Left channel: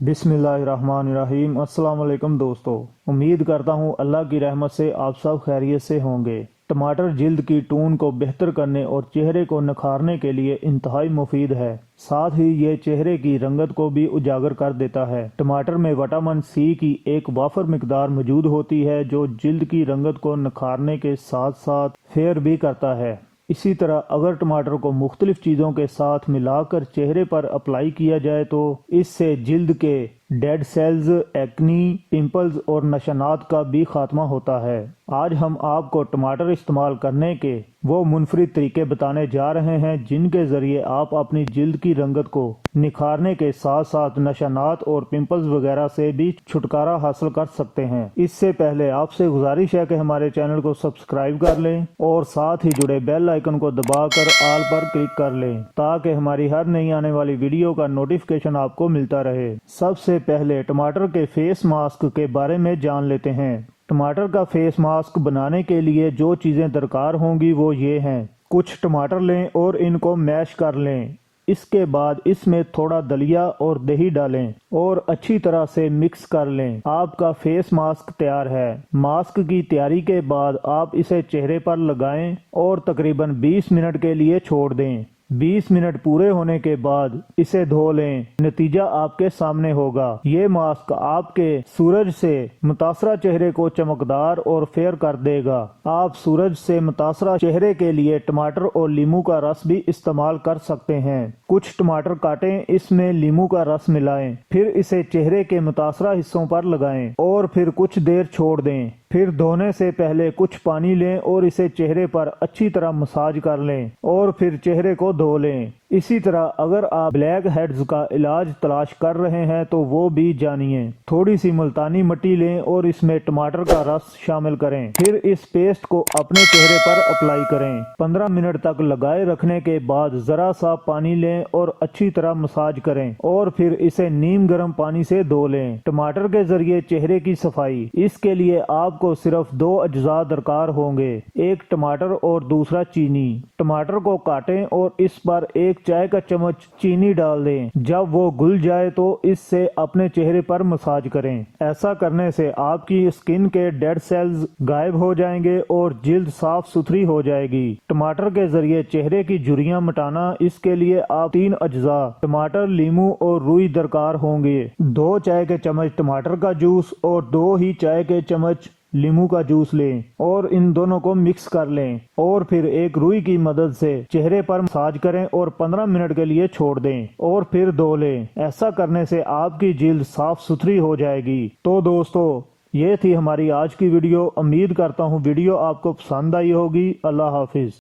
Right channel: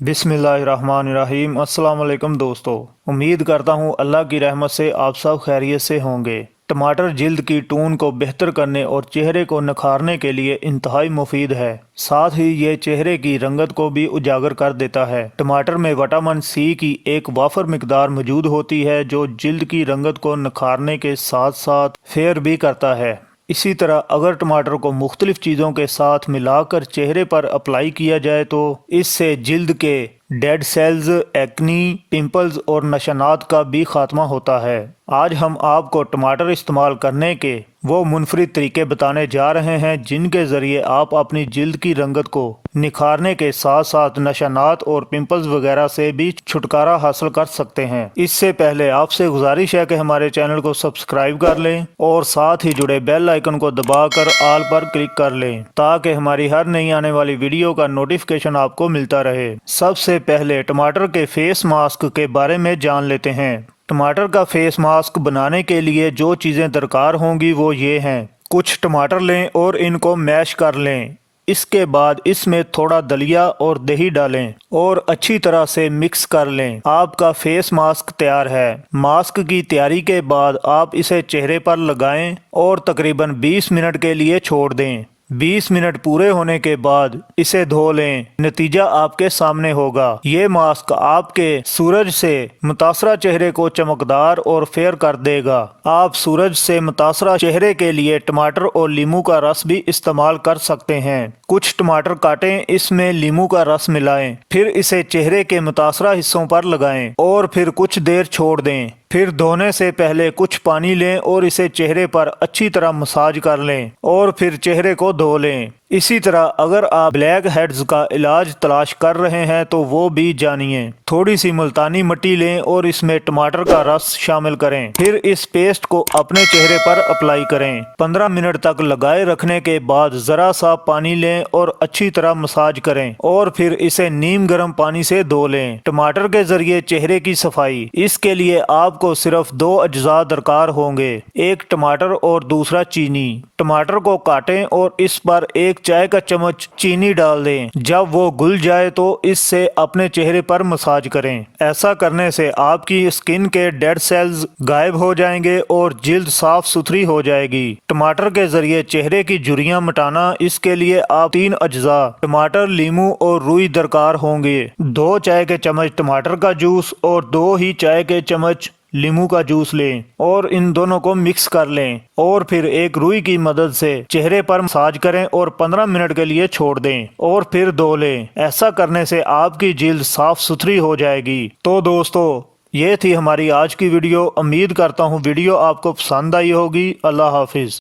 बिस्मिल्लाहिर्रहमानिर्रहीम। अस्सलाम वालेकुम दोस्तों, उम्मीद करता हूँ अल्लाह की रहमत से आप सब खैरियत से होंगे। टमाटर जिल्द की टोन को बेहतर करने और चेहरे को निखारने के लिए इंतहाई मुफीद है। साथ ही ये चेहरे की रंगत को भी उजागर कर देता है। टमाटर में विटामिन सी की एक वाफर मिकदार मौजूद होती है जो जिल्द की रंगत को निखारने के साथ साथ फेयर भी करता है। इसी तरह अगर टमाटर को मुख्तलिफ चीज़ों के साथ मिलाकर चेहरे पर अप्लाई किया जाए तो इससे जिल्द के डेड सेल्स, एक्नी, पिंपल्स और नशानात का भी खात्मा होता है। आज हम आपको टमाटर इस्तेमाल करने के वो मुनफरिद तरीके बताने जा रहे हैं जिनके ज़रिए आप अपनी जिल्द की रंगत को निखारने के साथ साथ नशानात और पिंपल्स वगैरह से भी छुटकारा हासिल कर सकते हैं। इससे पहले आपसे गुजारिश है कि हमारे चैनल को सब्सक्राइब कर लें और साथ ही जुड़े बेल आइकन को दबाकर ऑल पर क्लिक कर लें ताकि हमारी हर नई आने वाली वीडियो का नोटिफिकेशन आपको मिलता रहे। सबसे पहले टमाटर के फेस मास्क के बारे में जान लेते हैं। टमाटर का फेस मास्क बनाने के लिए जो चीज़ें दरकार होंगी वो ये हैं। कुछ टमाटर लें और इनको मैश कर लें। इसके बाद इसमें थोड़ा दलिया और दही डालें और अच्छी तरह से मिक्स कर लें। आपका फेस मास्क तैयार है। मास्क की तैयारी के बाद आप इसे चेहरे पर लगाएं और तकरीबन 20 मिनट के लिए छोड़ दें। 20 मिनट पूरे होने के बाद इसे धो लें। नतीजा आपके सामने होगा। ये मास्क आपके सूरज से मुतासरा चेहरे को चमकदार और फेयर कर देगा। आप सूरज से मुतासरा चेहरे के लिए टमाटर और लीमू का रस भी इस्तेमाल कर सकते हैं। कुछ टमाटर काटें, इसमें लीमू का रस मिलाएं, फिर इसे चेहरे के मुतासरा हिस्सों पर लगाएं और फिर कुछ देर छोड़ दें। फिर धोने से पहले कुछ पानी लें और इसे चेहरे पर अच्छी तरह मसाज कर लें और फिर चेहरे को धो लें। इसी तरह अगर आप ब्लैक हेड्स का इलाज तलाश कर रहे हैं तो वो भी जानिए। थोड़ी सी मुल्तानी मिट्टी लें और इसमें टमाटर का रस शामिल करें। फिर इस पेस्ट को अपने चेहरे पर अप्लाई करें। 15 मिनट तक लगाए रखने के बाद जरा सा पानी लें और अच्छी तरह मसाज करें और फिर इसे नीम गर्म पानी से धो लें। टमाटर के जरिए चेहरे की सफाई, इसके लिए आपको सिर्फ 2 अज्जा दरकार होंगे, एक टमाटर और दूसरा चीनी। टमाटर को काटें और इस पर 1 चाय का चम्मच चीनी डाल दें। जब वो घुल जाए तो इससे अपने चेहरे पर मसाज करें। ऐसा करने से आपकी स्किन के डेड सेल्स गायब हो जाएंगे और जिल्द साफ सुथरी हो जाएगी। टमाटर के जरिए चेहरे की झुर्रियां मिटाना, इसके लिए आप 3 अज्जा टमाटर, लीमू और रुई दरकार होंगे। 2 चाय के चम्मच टमाटर का जूस और 2 ही चाय के चम्मच लीमू का जूस लें और इन दोनों को मिक्स कर लें और फिर एक रुई की मदद से चेहरे पर मसाज करें और 15 मिनट के लिए छोड़ दें और फिर धो लें। ऐसा करने से आपकी जिल्द साफ सुथरी हो जाएगी। तो दोस्तों, ये थी हमारी आज की वीडियो। उम्मीद करता हूँ वीडियो आपको पसंद आई होगी। अल्लाह हाफिज।